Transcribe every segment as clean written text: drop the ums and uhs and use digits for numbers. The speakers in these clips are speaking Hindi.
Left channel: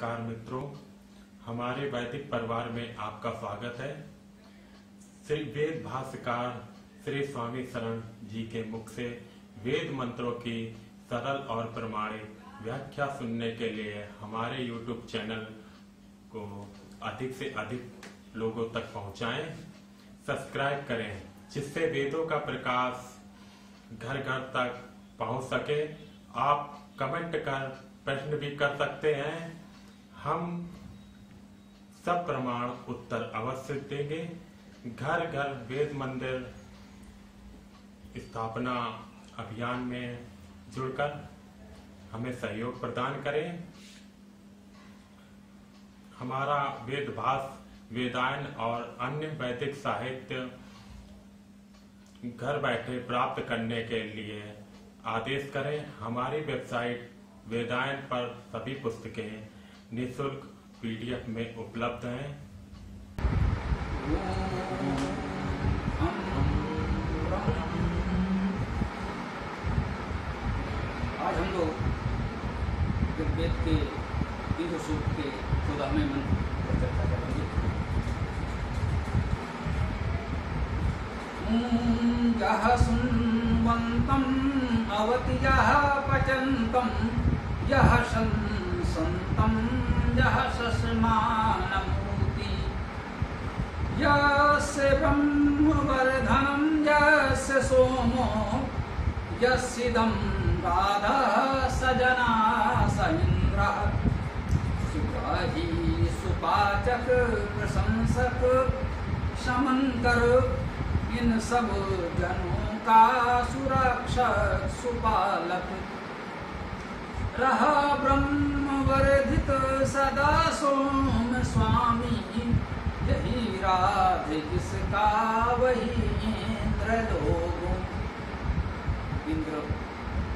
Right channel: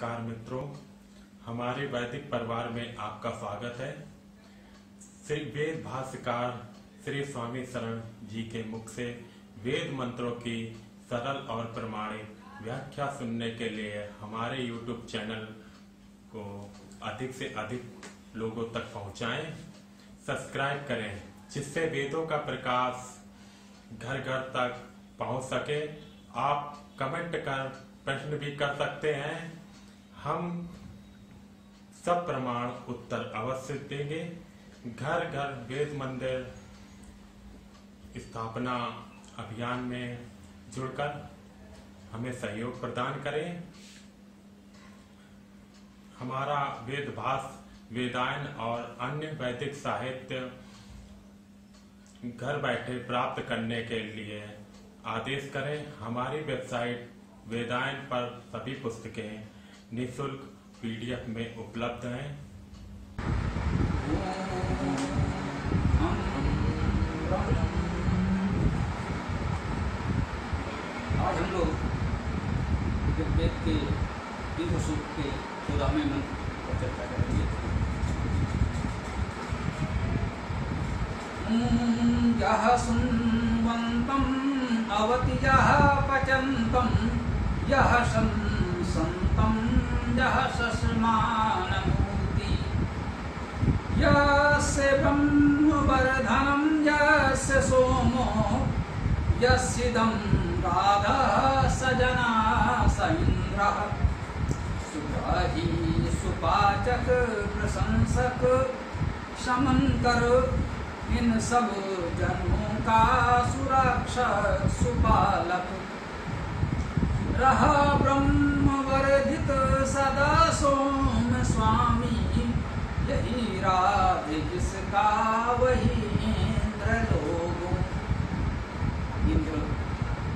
नमस्कार मित्रों, हमारे वैदिक परिवार में आपका स्वागत है। श्री वेद भाष्यकार श्री स्वामी शरण जी के मुख से वेद मंत्रों की सरल और प्रमाणिक व्याख्या सुनने के लिए हमारे YouTube चैनल को अधिक से अधिक लोगों तक पहुंचाएं, सब्सक्राइब करें, जिससे वेदों का प्रकाश घर घर तक पहुंच सके। आप कमेंट कर प्रश्न भी कर सकते हैं, हम सब प्रमाण उत्तर अवश्य देंगे। घर घर वेद मंदिर स्थापना अभियान में जुड़कर हमें सहयोग प्रदान करें। हमारा वेद भाष्य, वेदायन और अन्य वैदिक साहित्य घर बैठे प्राप्त करने के लिए आदेश करें। हमारी वेबसाइट वेदायन पर सभी पुस्तकें निःशुल्क PDF में उपलब्ध हैं। आज हम लोग ऋग्वेद के इंद्र सूक्त के 14वें मंत्र पर चर्चा करेंगे। यः सुन्वन्तम् अवति यः पचन्तम् यः शंसन्तम् यः शस्मानमूर्ति यस्य ब्रह्मवर्धनं यस्य सोमो यस्येदं राधः स जना स इन्द्रः सुग्राही सुपाचक प्रशंसक समन्कर इन सब जनों का सुरक्षक सुपालक रहा ब्रह्म वर्धित सदा सोम स्वामी यही राधे जिसका वही इंद्र लोगों। इंद्र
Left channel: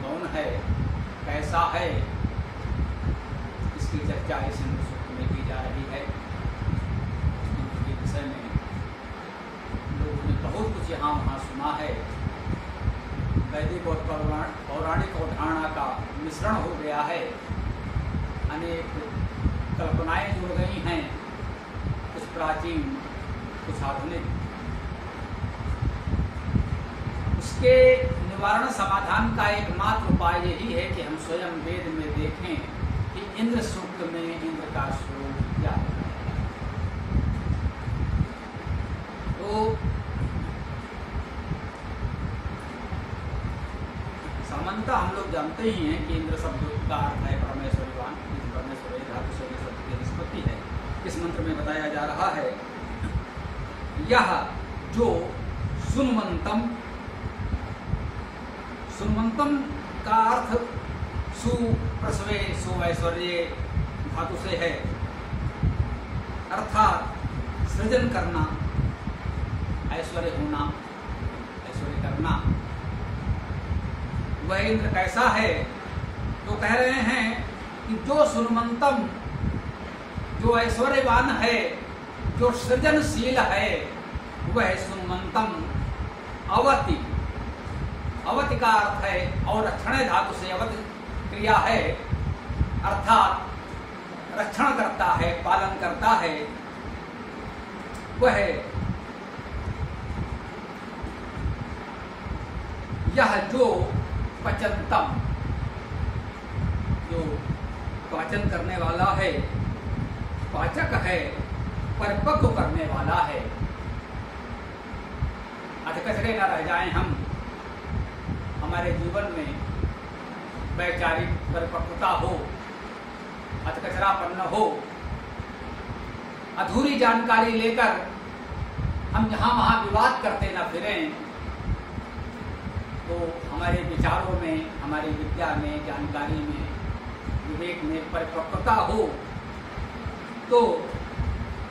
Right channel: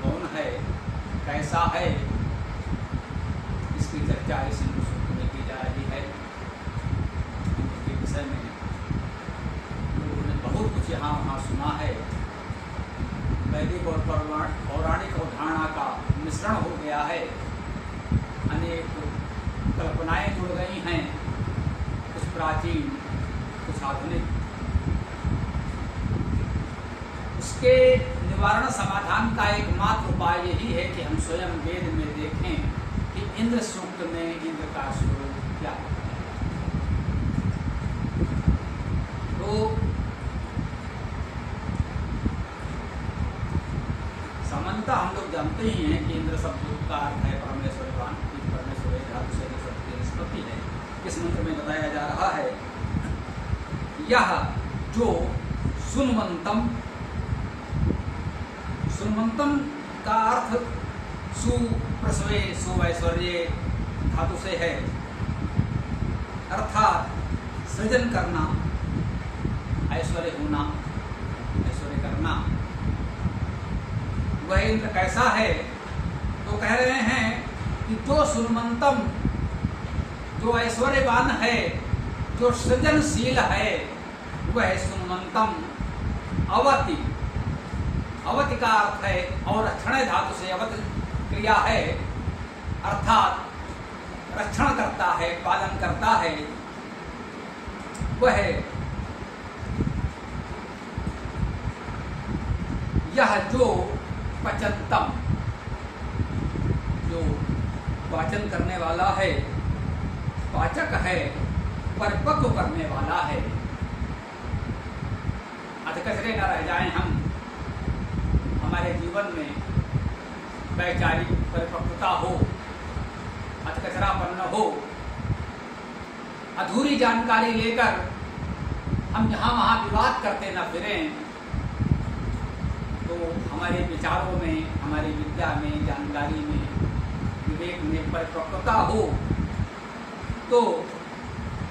कौन है, कैसा है, इसकी चर्चा इस इंद्र सूक्त में की जा रही है। इंद्र के विषय में लोगों ने बहुत कुछ यहाँ वहाँ सुना है। वैदिक और पौराणिक अवधारणा का मिश्रण हो गया है, अनेक कल्पनाएं जुड़ गई हैं, कुछ प्राचीन कुछ आधुनिक। उसके निवारण समाधान का एकमात्र उपाय यही है कि हम स्वयं वेद में देखें कि इंद्र सूक्त में इंद्र का स्वरूप क्या है। तो सामान्यतः हम लोग जानते ही हैं कि इंद्र शब्द का अर्थ है परमेश्वरवान, परमेश्वर धातु से शब्द की निष्पत्ति है। इस मंत्र में बताया जा रहा है यह जो सुन्वन्तम, सुन्वन्तम का अर्थ सुप्रसवे सुऐश्वर्य धातु से है, अर्थात सृजन करना, ऐश्वर्य होना, ऐश्वर्य करना। वह इंद्र कैसा है, तो कह रहे हैं कि जो सुन्वन्तम, जो ऐश्वर्यवान है, जो सृजनशील है, वह सुन्वन्तम। अवति, अवति का अर्थ है और क्षण धातु से अवति क्रिया है, अर्थात रक्षण करता है, पालन करता है। वह यह जो पचन्तम, जो पाचन करने वाला है, पाचक है, परिपक्व करने वाला है। अधकचरे न रह जाएं हम, हमारे जीवन में वैचारिक परिपक्वता हो, अधकचरापन न हो। अधूरी जानकारी लेकर हम जहां वहां विवाद करते न फिरें, तो हमारे विचारों में, हमारी विद्या में, जानकारी में, विवेक में परिपक्वता हो। तो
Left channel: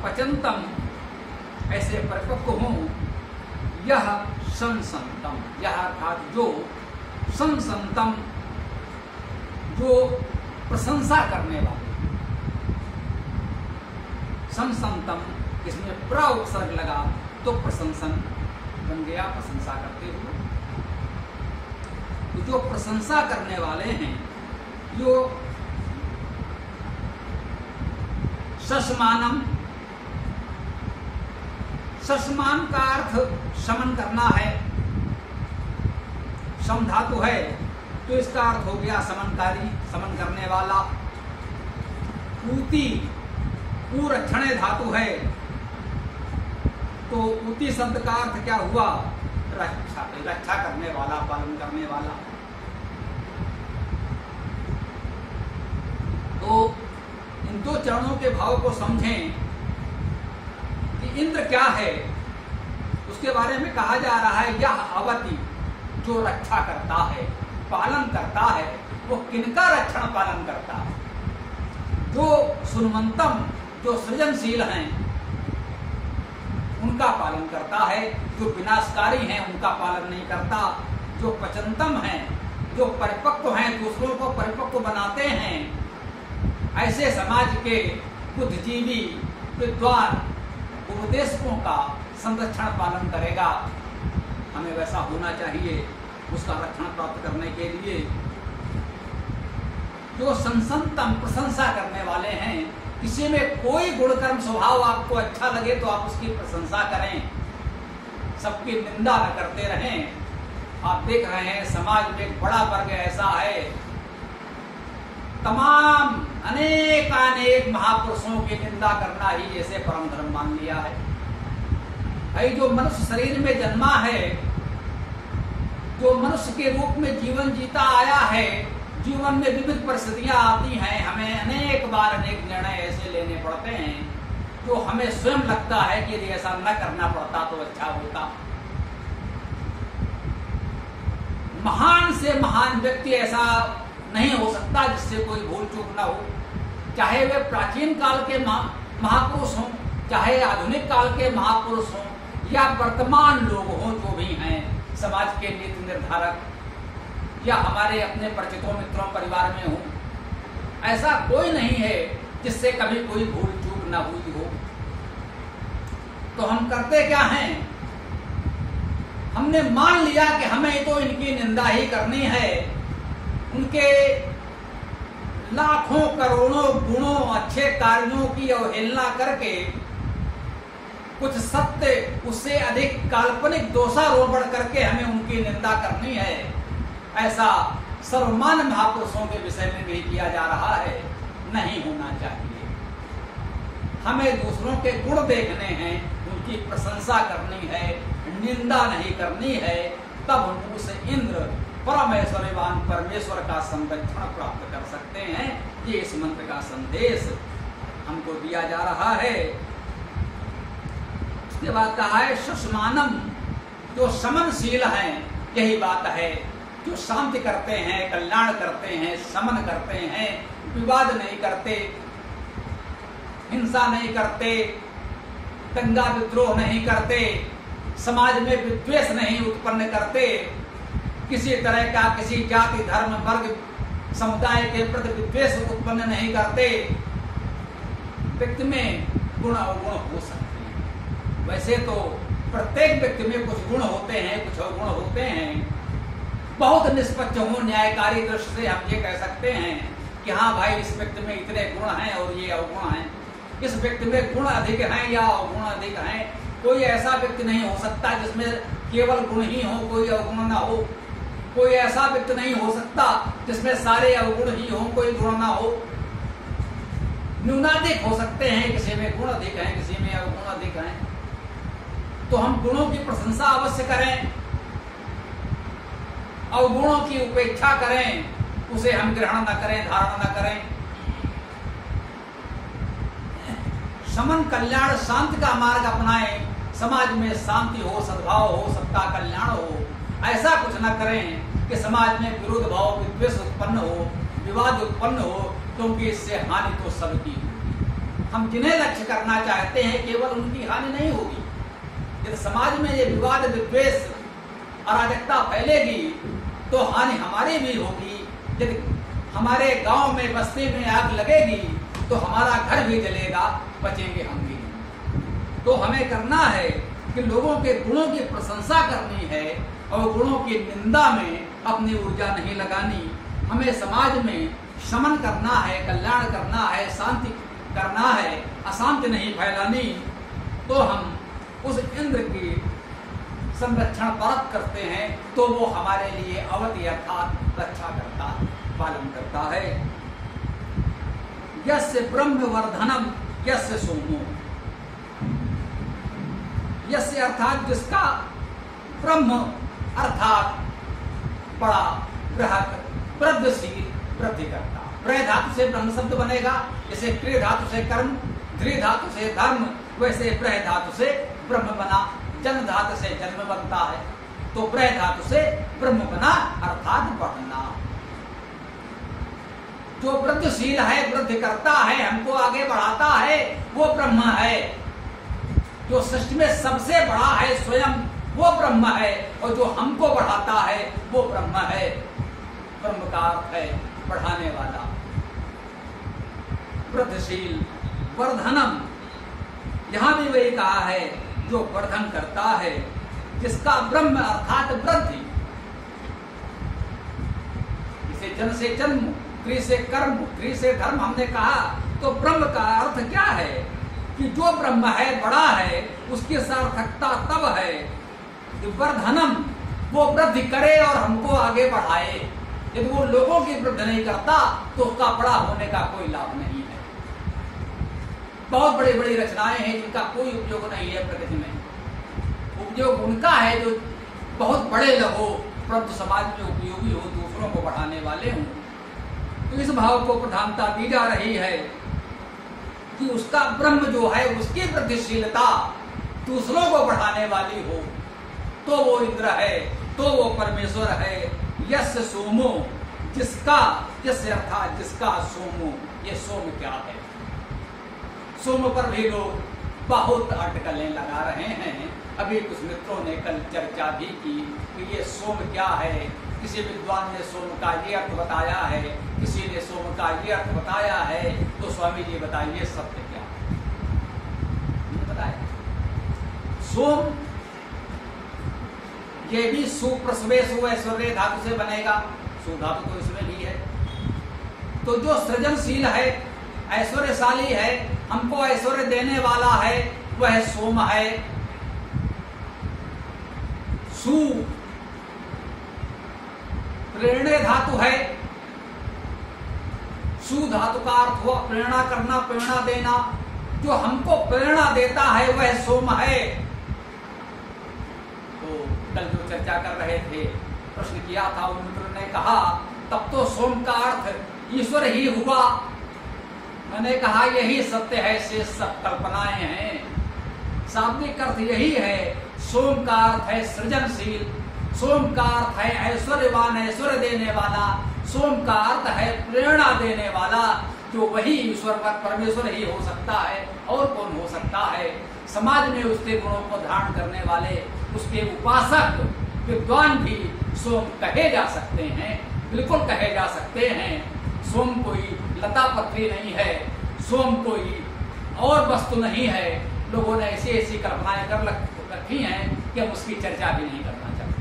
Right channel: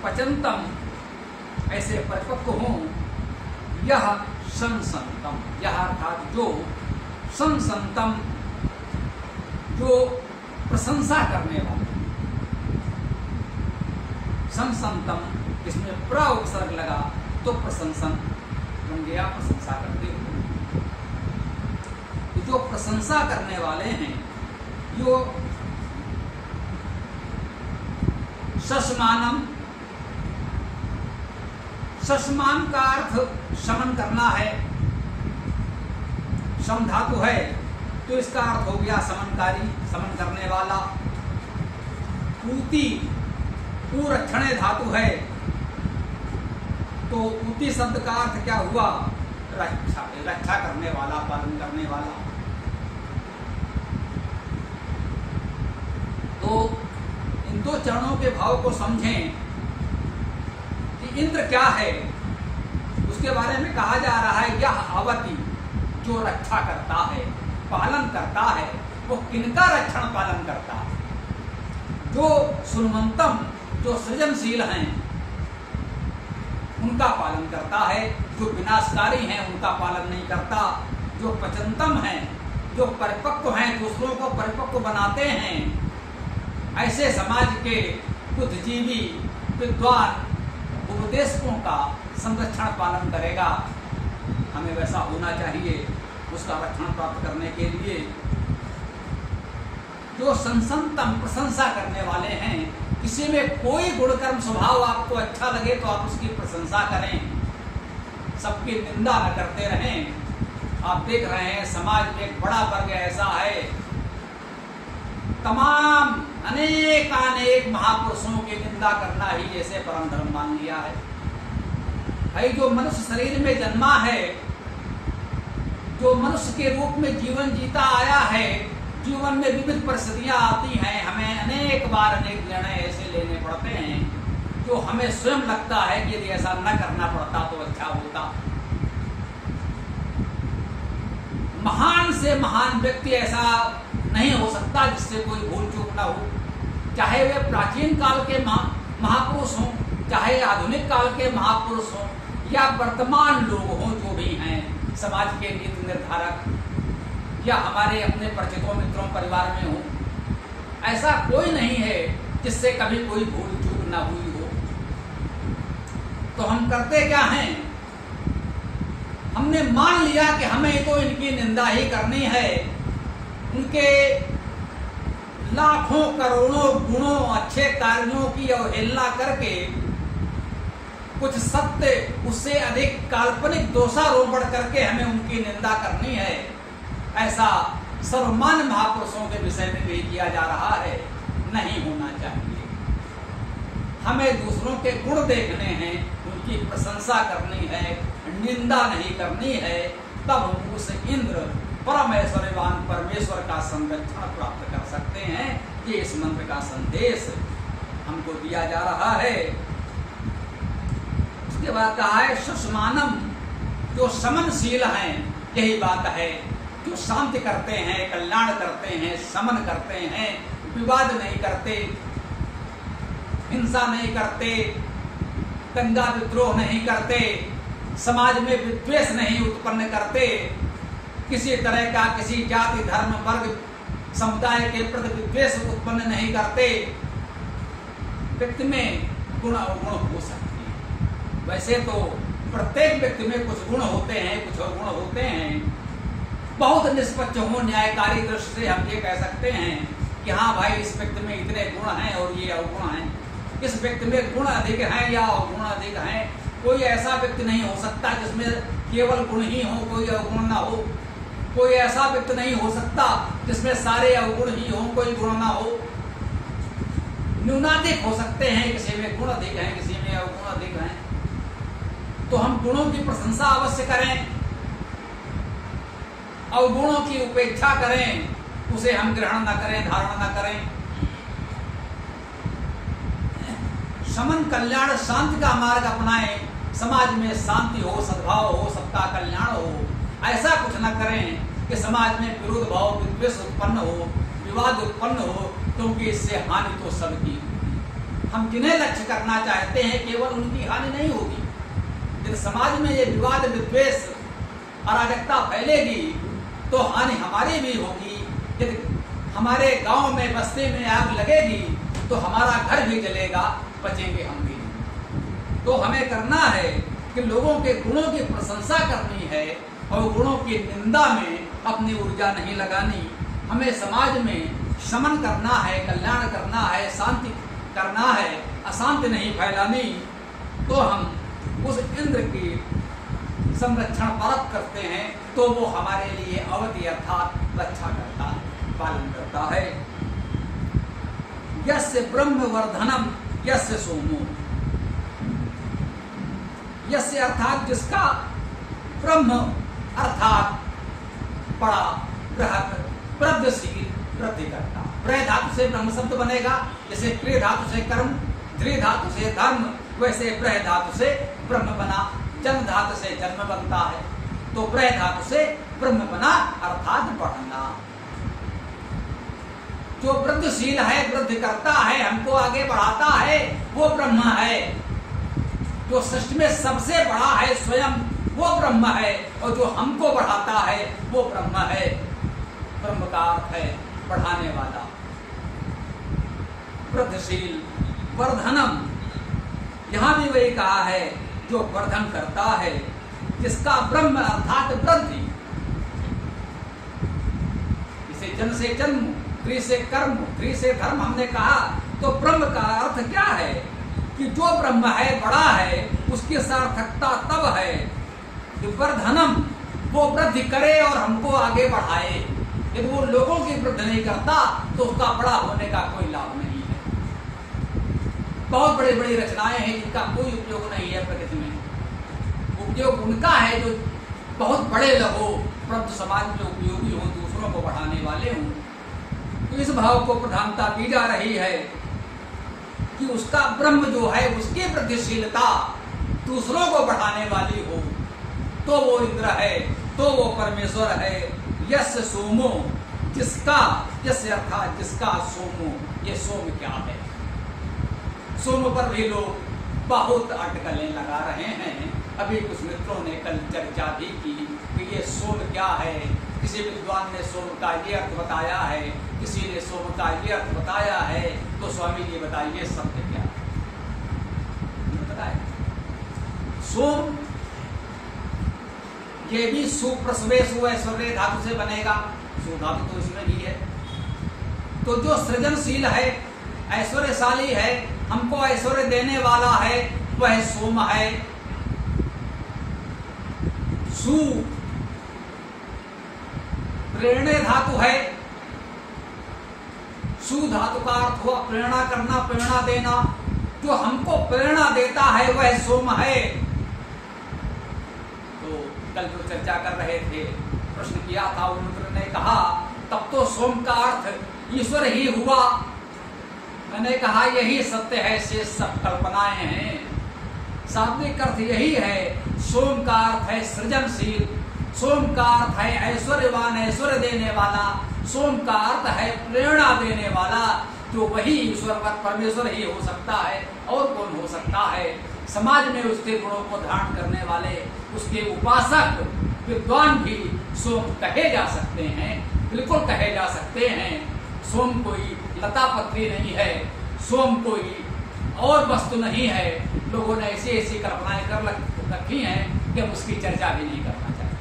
पचन्तम, ऐसे परिपक्व हों। यह संसन्तम, यह अर्थात जो संसन्तम, जो प्रशंसा करने वाले। संसन्तम, इसमें प्र उपसर्ग लगा तो प्रशंसन बन गया, प्रशंसा करते हुए। तो जो प्रशंसा करने वाले हैं, जो शशमानम, शशमान का अर्थ शमन करना है, शम धातु है तो इसका अर्थ हो गया समनकारी, समन करने वाला। ऊती, पूरक्षणे धातु है तो ऊती शब्द का अर्थ क्या हुआ? रक्षा, रक्षा करने वाला, पालन करने वाला। तो इन दो चरणों के भाव को समझें कि इंद्र क्या है, उसके बारे में कहा जा रहा है यह आवती, जो रक्षा करता है, पालन करता है। वो किनका रक्षण पालन करता है? जो सुनमंतम, जो सृजनशील हैं उनका पालन करता है। जो विनाशकारी हैं उनका पालन नहीं करता। जो पचंतम हैं, जो परिपक्व हैं, दूसरों को परिपक्व बनाते हैं, ऐसे समाज के बुद्धिजीवी विद्वान उपदेशकों का संरक्षण पालन करेगा। हमें वैसा होना चाहिए उसका रक्षण प्राप्त करने के लिए। जो संसंतम, प्रशंसा करने वाले हैं, किसी में कोई गुणकर्म स्वभाव आपको अच्छा लगे तो आप उसकी प्रशंसा करें, सबकी निंदा न करते रहें। आप देख रहे हैं समाज में एक बड़ा वर्ग ऐसा है, तमाम अनेक महापुरुषों की निंदा करना ही जैसे परम धर्म मान लिया है। भाई जो मनुष्य शरीर में जन्मा है, जो मनुष्य के रूप में जीवन जीता आया है, जीवन में विविध परिस्थितियां आती हैं, हमें अनेक बार अनेक निर्णय ऐसे लेने पड़ते हैं जो हमें स्वयं लगता है कि यदि ऐसा न करना पड़ता तो अच्छा होता। महान से महान व्यक्ति ऐसा नहीं हो सकता जिससे कोई भूल चूक न हो, चाहे वे प्राचीन काल के महापुरुष हों, चाहे आधुनिक काल के महापुरुष हों, या वर्तमान लोग हों जो भी हैं, समाज के नीति निर्धारक, या हमारे अपने परिचितों, मित्रों, परिवार में हो, ऐसा कोई नहीं है जिससे कभी कोई भूल चूक न हुई हो। तो हम करते क्या हैं? हमने मान लिया कि हमें तो इनकी निंदा ही करनी है, उनके लाखों करोड़ों गुणों, अच्छे कार्यों की अवहेलना करके कुछ सत्य, उससे अधिक काल्पनिक दोषारोपण करके हमें उनकी निंदा करनी है। ऐसा सर्वमान्य महापुरुषों के विषय में भी किया जा रहा है। नहीं होना चाहिए। हमें दूसरों के गुण देखने हैं, उनकी प्रशंसा करनी है, निंदा नहीं करनी है। तब हम उस इंद्र परमेश्वरवान परमेश्वर का संरक्षण प्राप्त कर सकते हैं। ये इस मंत्र का संदेश हमको दिया जा रहा है। उसके बाद कहा है शशमानम, जो समनशील हैं, यही बात है, जो शांति करते हैं, कल्याण करते हैं, समन करते हैं, विवाद नहीं करते, हिंसा नहीं करते, दंगा विद्रोह नहीं करते, समाज में विद्वेष नहीं उत्पन्न करते, किसी तरह का किसी जाति, धर्म, वर्ग, समुदाय के प्रति विद्वेष उत्पन्न नहीं करते। व्यक्ति में गुण अवगुण हो सकते हैं। वैसे तो प्रत्येक व्यक्ति में कुछ गुण होते हैं, कुछ अवगुण होते हैं। बहुत निष्पक्ष हो, न्यायकारी दृष्टि से हम ये कह सकते हैं कि हाँ भाई, इस व्यक्ति में इतने गुण हैं और ये अवगुण हैं, इस व्यक्ति में गुण अधिक हैं या अवगुण अधिक हैं। कोई ऐसा व्यक्ति नहीं हो सकता जिसमें केवल गुण ही हो, कोई अवगुण ना हो। कोई ऐसा व्यक्ति नहीं हो सकता जिसमें सारे अवगुण ही हो, कोई गुण ना हो। न्यूनाधिक हो सकते हैं, किसी में गुण अधिक हैं, किसी में अवगुण अधिक हैं। तो हम गुणों की प्रशंसा अवश्य करें, अवगुणों की उपेक्षा करें, उसे हम ग्रहण न करें, धारण न करें। समन, कल्याण, शांति का मार्ग अपनाएं। समाज में शांति हो, सद्भाव हो, सबका कल्याण हो। ऐसा कुछ न करें कि समाज में विरोध भाव, विद्वेष उत्पन्न हो, विवाद उत्पन्न हो, क्योंकि इससे हानि तो सबकी होगी। हम जिन्हें लक्ष्य करना चाहते हैं केवल उनकी हानि नहीं होगी। यदि समाज में ये विवाद, विद्वेष, अराजकता फैलेगी तो हानि हमारी भी होगी। यदि हमारे गांव में, बस्ती में आग लगेगी तो हमारा घर भी जलेगा, बचेंगे हम भी। तो हमें करना है कि लोगों के गुणों की प्रशंसा करनी है और गुणों की निंदा में अपनी ऊर्जा नहीं लगानी। हमें समाज में शमन करना है, कल्याण करना है, शांति करना है, अशांति नहीं फैलानी, तो हम उस इंद्र की संरक्षण परत करते हैं, तो वो हमारे लिए अवधि अर्थात रक्षा करता है, पालन करता है। यस्य ब्रह्म वर्धनम यस्य सोमो, यस्य अर्थात जिसका, ब्रह्म अर्थात बड़ा बृहत वृद्धिशील वृद्धि करता। प्र धातु से ब्रह्म शब्द बनेगा, जैसे क्रिय धातु से कर्म, धृ धातु से धर्म, वैसे प्र धातु से ब्रह्म बना। जन धातु से जन्म बनता है, तो प्र धातु से ब्रह्म बना अर्थात बढ़ना। जो वृद्धिशील है, वृद्धि करता है, हमको आगे बढ़ाता है, वो ब्रह्म है। जो सृष्टि में सबसे बड़ा है स्वयं, वो ब्रह्म है, और जो हमको बढ़ाता है वो ब्रह्म है। ब्रह्म का अर्थ है बढ़ाने वाला, वृद्धिशील। वर्धनम, यहां भी वही कहा है, जो वर्धन करता है, जिसका ब्रह्म अर्थात वृद्धि। इसे जन से जन्म, क्रिय से कर्म, क्रिय से धर्म हमने कहा, तो ब्रह्म का अर्थ क्या है कि जो ब्रह्म है, बड़ा है, उसकी सार्थकता तब है कि वर्धनम, वो वृद्धि करे और हमको आगे बढ़ाए। यदि वो लोगों की वृद्धि नहीं करता तो उसका बड़ा होने का कोई लाभ नहीं है। बहुत बड़ी बड़ी रचनाएं हैं जिनका कोई उपयोग नहीं है प्रकृति में। उपयोग उनका है जो बहुत बड़े लगो, परंतु समाज में उपयोगी हो, दूसरों को बढ़ाने वाले हों। तो इस भाव को प्रधानता दी जा रही है कि उसका ब्रह्म जो है, उसकी वृद्धिशीलता दूसरों को बढ़ाने वाली हो, तो वो इंद्र है, तो वो परमेश्वर है। यस्य सोमो, जिसका, यस्य अर्थात जिसका सोमो, ये सोम क्या है? सोम पर भी लोग बहुत अटकलें लगा रहे हैं। अभी कुछ मित्रों ने कल चर्चा भी की कि ये सोम क्या है। किसी विद्वान ने सोम का ये अर्थ बताया है, किसी ने सोम का ये अर्थ बताया है। तो स्वामी जी बताइए सत्य क्या बताए? सोम ये भी सुप्रसवे सुऐश्वर्य धातु से बनेगा, सु धातु तो इसमें भी है। तो जो सृजनशील है, ऐश्वर्यशाली है, हमको ऐश्वर्य देने वाला है, वह सोम है। सु प्रेरणे धातु है। सु धातु का अर्थ हुआ प्रेरणा करना, प्रेरणा देना। जो हमको प्रेरणा देता है वह सोम है। तो कल जो चर्चा कर रहे थे, प्रश्न किया था, उन मित्र ने कहा तब तो सोम का अर्थ ईश्वर ही हुआ। मैंने कहा यही सत्य है, शेष सब कल्पनाएं हैं। शाब्दिक अर्थ यही है। सोम का अर्थ है सृजनशील, सोम का अर्थ है ऐश्वर्यवान, ऐश्वर्य देने वाला। सोम का अर्थ है प्रेरणा देने वाला, जो वही ईश्वर परमेश्वर ही हो सकता है, और कौन हो सकता है। समाज में उसके गुणों को धारण करने वाले, उसके उपासक विद्वान भी सोम कहे जा सकते हैं, बिल्कुल कहे जा सकते हैं। सोम कोई लता पत्री नहीं है, सोम कोई और वस्तु नहीं है। लोगों ने ऐसी ऐसी कल्पनाएं कर रखी हैं कि हम उसकी चर्चा भी नहीं करना चाहते।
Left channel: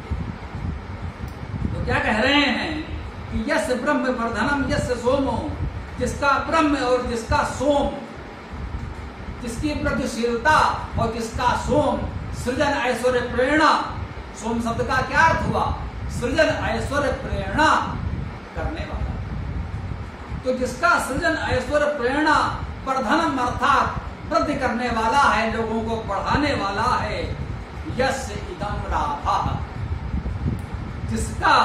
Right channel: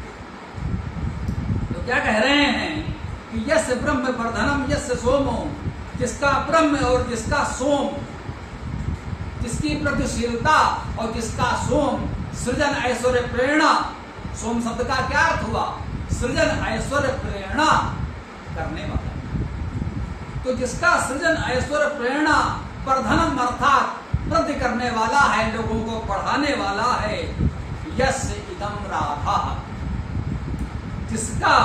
तो क्या कह रहे हैं कि यस्य ब्रह्म वर्धनम यस्य सोमो, जिसका ब्रह्म और जिसका सोम, जिसकी वृद्धिशीलता और जिसका सोम, सृजन ऐश्वर्य प्रेरणा। सोम शब्द का क्या अर्थ हुआ? सृजन ऐश्वर्य प्रेरणा करने वाला। तो जिसका सृजन ऐश्वर्य प्रेरणा वर्धनम अर्थात वृद्धि करने वाला है, लोगों को बढ़ाने वाला है। यस्य इदम राधा, जिसका,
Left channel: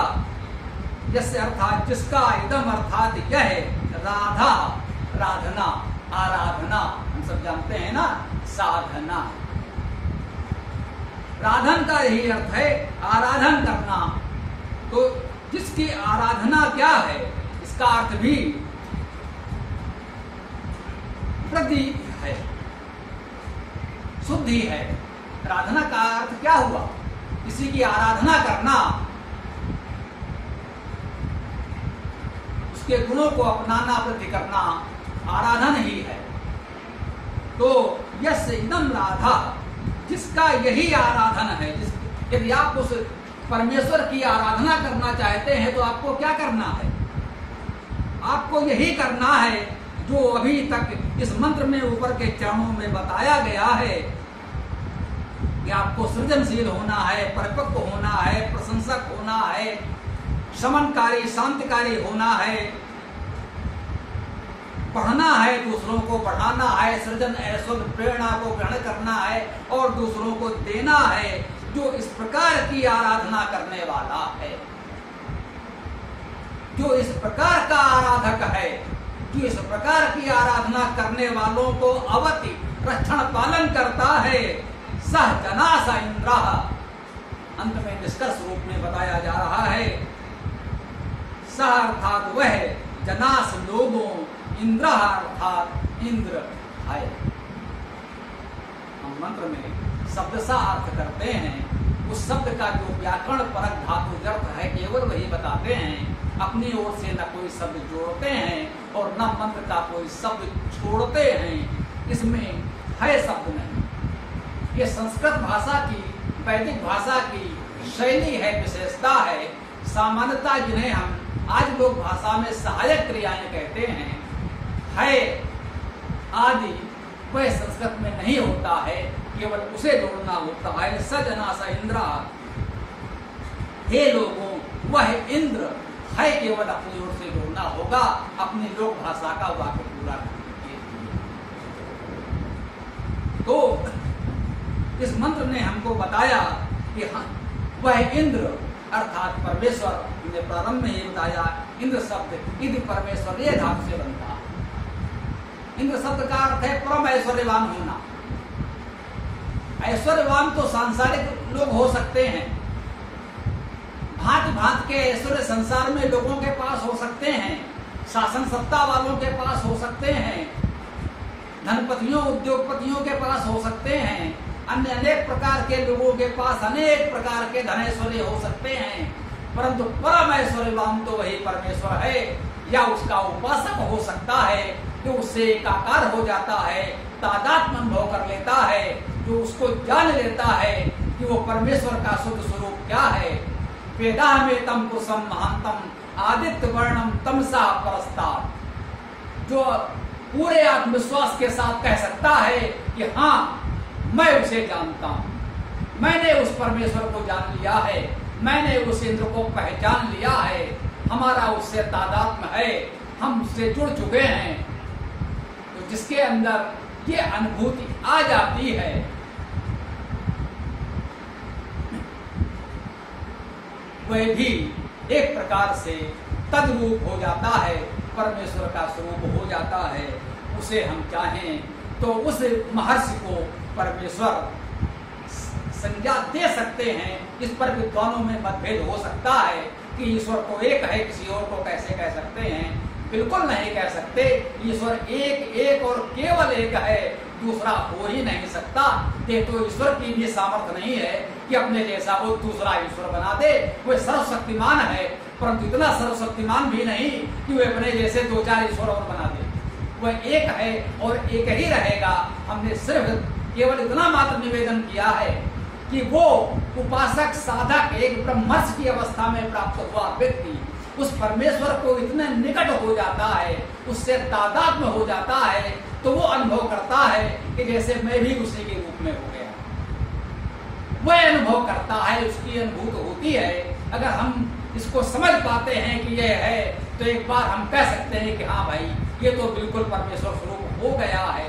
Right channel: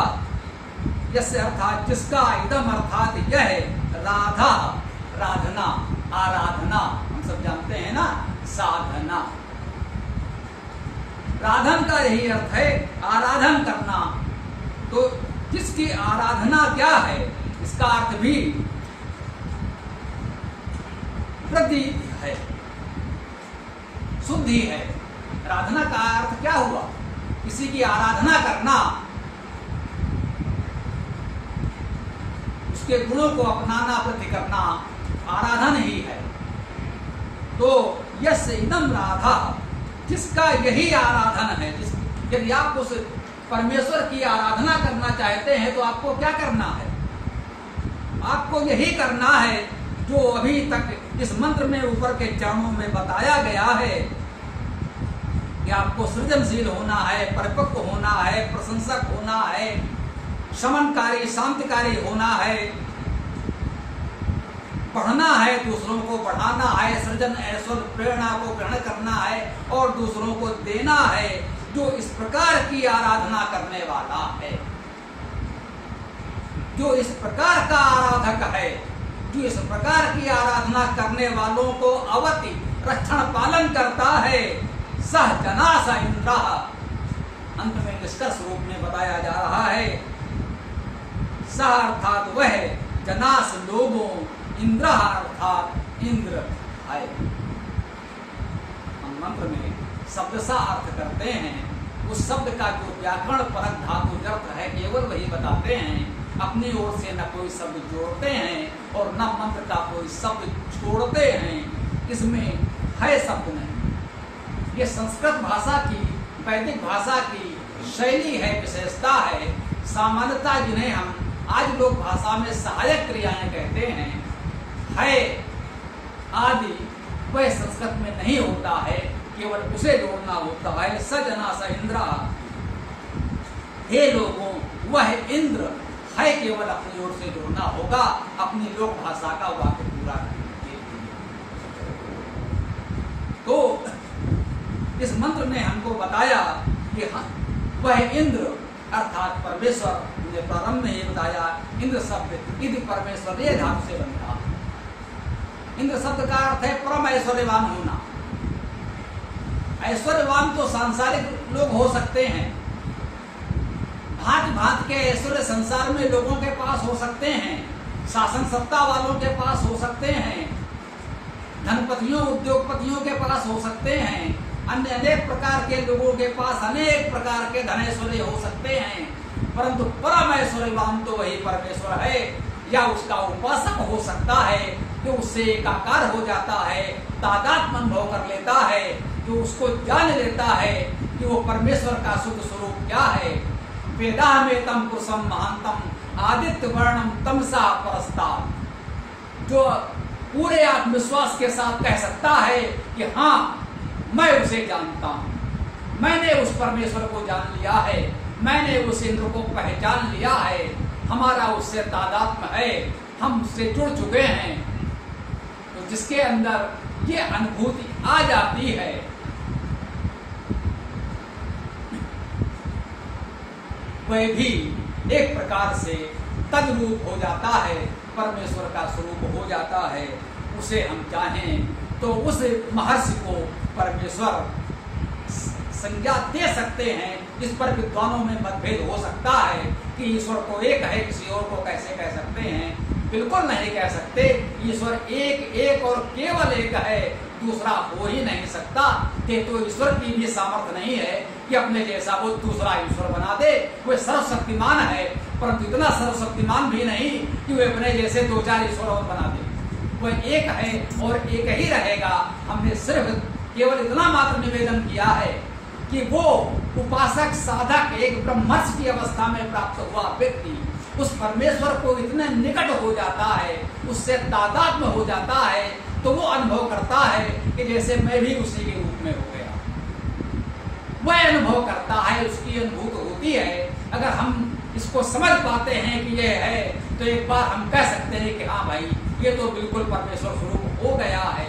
यस्य अर्थात जिसका, इदम अर्थात यह, राधा राधना, आराधना, हम सब जानते हैं ना, साधना। राधन का यही अर्थ है, आराधन करना। तो जिसकी आराधना क्या है, इसका अर्थ भी वृद्धि है, शुद्धि है। आराधना का अर्थ क्या हुआ? किसी की आराधना करना, उसके गुणों को अपनाना, वृद्धि करना, आराधन ही है। तो यस्य इदम राधा, जिसका यही आराधन है। यदि आप उस परमेश्वर की आराधना करना चाहते हैं तो आपको क्या करना है? आपको यही करना है जो अभी तक इस मंत्र में ऊपर के चरणों में बताया गया है कि आपको सृजनशील होना है, परिपक्व होना है, प्रशंसक होना है, शमनकारी शांतिकारी होना है, पढ़ना है, दूसरों को पढ़ाना है, सृजन ऐश्वर्य प्रेरणा को ग्रहण करना है और दूसरों को देना है, जो इस प्रकार की आराधना करने वाला है, जो इस प्रकार का आराधक है, जो इस प्रकार की आराधना करने वालों को अवति रक्षण पालन करता है, सह जनास इंद्र। अंत में निष्कर्ष रूप में बताया जा रहा है, सह अर्थात वह, जनास लोगों, इंद्र अर्थात इंद्र है। हम मंत्र में शब्द सा अर्थ करते हैं, उस शब्द का जो व्याकरण परक धातु अर्थ है केवल वही बताते हैं, अपनी ओर से न कोई शब्द जोड़ते हैं और न मंत्र का कोई शब्द छोड़ते हैं। इसमें है शब्द नहीं। ये संस्कृत भाषा की, वैदिक भाषा की शैली है, विशेषता है। सामान्यता जिन्हें हम आज लोग भाषा में सहायक क्रियाएं कहते हैं, है आदि, वह संस्कृत में नहीं होता है, केवल उसे जोड़ना होता है। सजना स इंद्र, हे लोगों, वह इंद्र है, केवल अपनी ओर से जोड़ना होगा, अपनी लोक भाषा का वाक्य पूरा करने के लिए। तो इस मंत्र ने हमको बताया कि वह इंद्र अर्थात परमेश्वर ने प्रारंभ में ही बताया, इंद्र शब्द इद परमेश्वर ये धातु से बनता। इंद्र शब्द का अर्थ है परम ऐश्वर्यवान होना। ऐश्वर्यवान तो सांसारिक लोग हो सकते हैं, भांति भांति के ऐश्वर्य संसार में लोगों के पास हो सकते हैं, शासन सत्ता वालों के पास हो सकते हैं, धनपतियों उद्योगपतियों के पास हो सकते हैं, अन्य अनेक प्रकार के लोगों के पास अनेक प्रकार के धन ऐश्वर्य हो सकते हैं, परंतु परम ऐश्वर्यवान तो वही परमेश्वर है। या उसका उपासक हो सकता है जो उससे एकाकार हो जाता है, तादात्म्य अनुभव कर लेता है, जो उसको जान लेता है कि वो परमेश्वर का शुद्ध स्वरूप क्या है। वेदा में तम पुरुषम महांतम आदित्य वर्णम तमसा परस्तात्, जो पूरे आत्मविश्वास के साथ कह सकता है कि हाँ मैं उसे जानता हूं, मैंने उस परमेश्वर को जान लिया है, मैंने उस इंद्र को पहचान लिया है, हमारा उससे तादात्म्य है, हम उससे जुड़ चुके हैं। तो जिसके अंदर ये अनुभूति आ जाती है, वह भी एक प्रकार से तद्रूप हो जाता है, परमेश्वर का स्वरूप हो जाता है। उसे हम चाहें तो उस महर्षि को परमेश्वर संज्ञा दे सकते हैं। इस पर विद्वानों में मतभेद हो सकता है कि ईश्वर तो एक है, किसी और को कैसे कह सकते हैं। बिल्कुल नहीं कह सकते। ईश्वर एक एक और केवल एक है, दूसरा हो ही नहीं सकता। ये तो ईश्वर की भी सामर्थ्य नहीं है कि अपने जैसा वो दूसरा ईश्वर बना दे। वो सर्वशक्तिमान है, परंतु इतना सर्वशक्तिमान भी नहीं कि वो अपने जैसे दो चार ईश्वर और बना दे। वह एक है और एक ही रहेगा। हमने सिर्फ केवल इतना मात्र निवेदन किया है कि वो उपासक साधक एक ब्रह्मर्ष की अवस्था में प्राप्त हुआ व्यक्ति उस परमेश्वर को इतने निकट हो जाता है, उससे तादात्म्य हो जाता है, तो वो अनुभव करता है कि जैसे मैं भी उसी के रूप में हो गया। वह अनुभव करता है, उसकी अनुभूत होती है। अगर हम इसको समझ पाते हैं कि ये है, तो एक बार हम कह सकते हैं कि हाँ भाई ये तो बिल्कुल परमेश्वर स्वरूप हो गया है।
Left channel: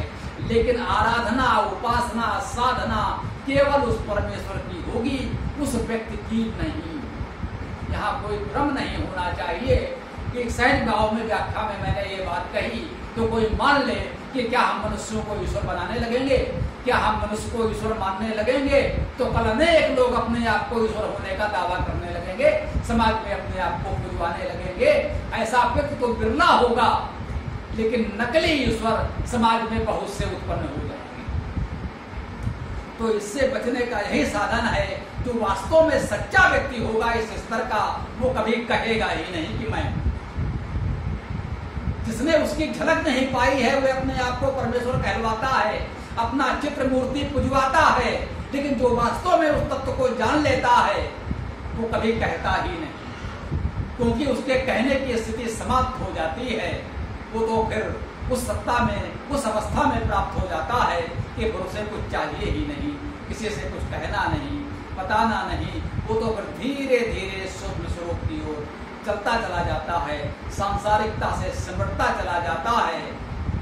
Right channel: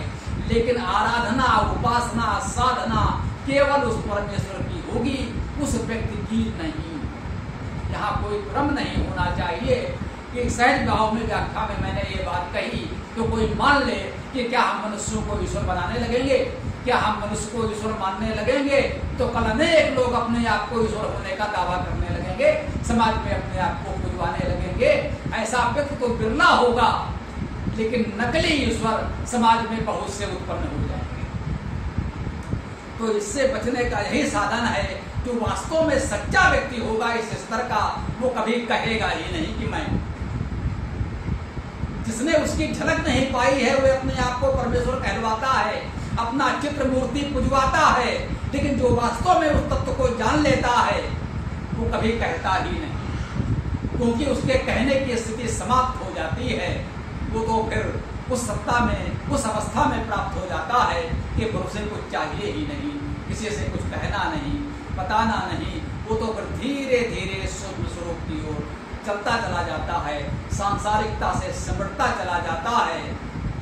लेकिन आराधना, उपासना, साधना केवल उस परमेश्वर की होगी, उस व्यक्ति की नहीं। यहाँ कोई भ्रम नहीं होना चाहिए कि सहज भाव में व्याख्या में मैंने ये बात कही तो कोई मान ले कि क्या हम मनुष्यों को ईश्वर बनाने लगेंगे, क्या हम मनुष्य को ईश्वर मानने लगेंगे तो कल अनेक लोग अपने आप को ईश्वर होने का दावा करने लगेंगे, समाज में अपने आप को पुजवाने लगेंगे। ऐसा व्यक्ति तो बिरला होगा, लेकिन नकली ईश्वर समाज में बहुत से उत्पन्न हो जाएंगे। तो इससे बचने का यही साधन है। जो वास्तव में सच्चा व्यक्ति होगा इस स्तर का, वो कभी कहेगा ही नहीं कि मैं। जिसने उसकी झलक नहीं पाई है वह अपने आप को परमेश्वर कहलवाता है, अपना चित्र मूर्ति पुजवाता है, लेकिन जो वास्तव में उस तत्व को जान लेता है वो कभी कहता ही नहीं, क्योंकि उसके कहने की स्थिति समाप्त हो जाती है। वो तो फिर उस सत्ता में, उस अवस्था में प्राप्त हो जाता है कि फिर उसे कुछ चाहिए ही नहीं, किसी से कुछ कहना नहीं, बताना नहीं। वो तो फिर धीरे धीरे सूक्ष्म स्वरूप की ओर चलता चला जाता है, सांसारिकता से सिमटता चला जाता है।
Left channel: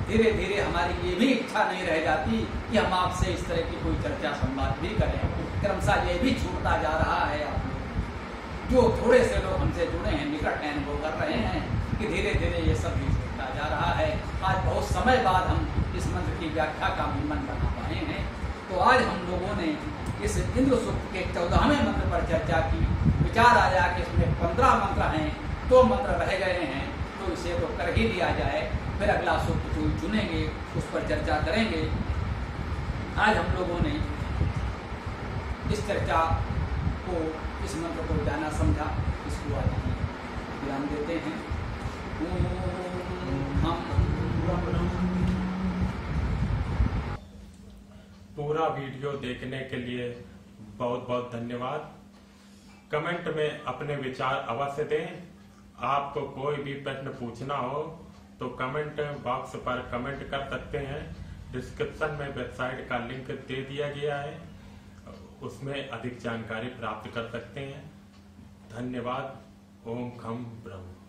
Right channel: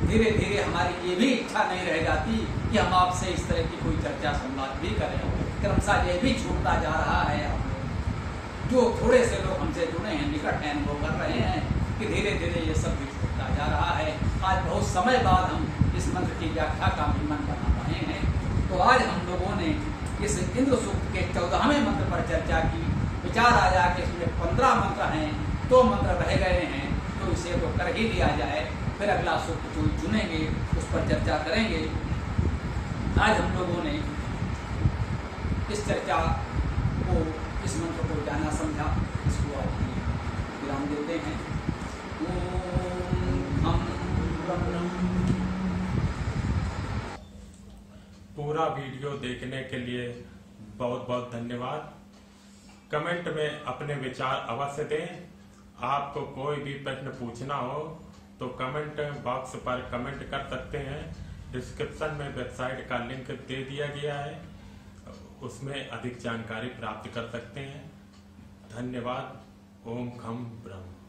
धीरे धीरे हमारी ये भी इच्छा नहीं रह जाती कि हम आपसे इस तरह की कोई चर्चा संवाद भी करें। क्रमशः ये भी छूटता जा रहा है। आप लोग जो थोड़े से लोग हमसे जुड़े हैं, निकट हैं, अनुभव कर रहे हैं कि धीरे धीरे ये सब भी छूटता जा रहा है। आज बहुत समय बाद हम इस मंत्र की व्याख्या का मन बना पाए हैं। तो आज हम लोगों ने इस इंद्र सूक्त के 14वें मंत्र पर चर्चा की। विचार आया कि इसमें 15 मंत्र हैं, 2 मंत्र रह गए हैं, तो इसे तो कर ही लिया जाए। फिर अगला सूक्त कोई चुनेंगे, उस पर चर्चा करेंगे। आज हम लोगों ने इस चर्चा को, इस मंत्र को जाना समझा, इसको आज हम विराम देते हैं। ओम हम ब्रह्म। पूरा वीडियो देखने के लिए बहुत बहुत धन्यवाद। कमेंट में अपने विचार अवश्य दें। आपको कोई भी प्रश्न पूछना हो तो कमेंट बॉक्स पर कमेंट कर सकते हैं। डिस्क्रिप्शन में वेबसाइट का लिंक दे दिया गया है, उसमें अधिक जानकारी प्राप्त कर सकते हैं। धन्यवाद। ओम खम ब्रह्म।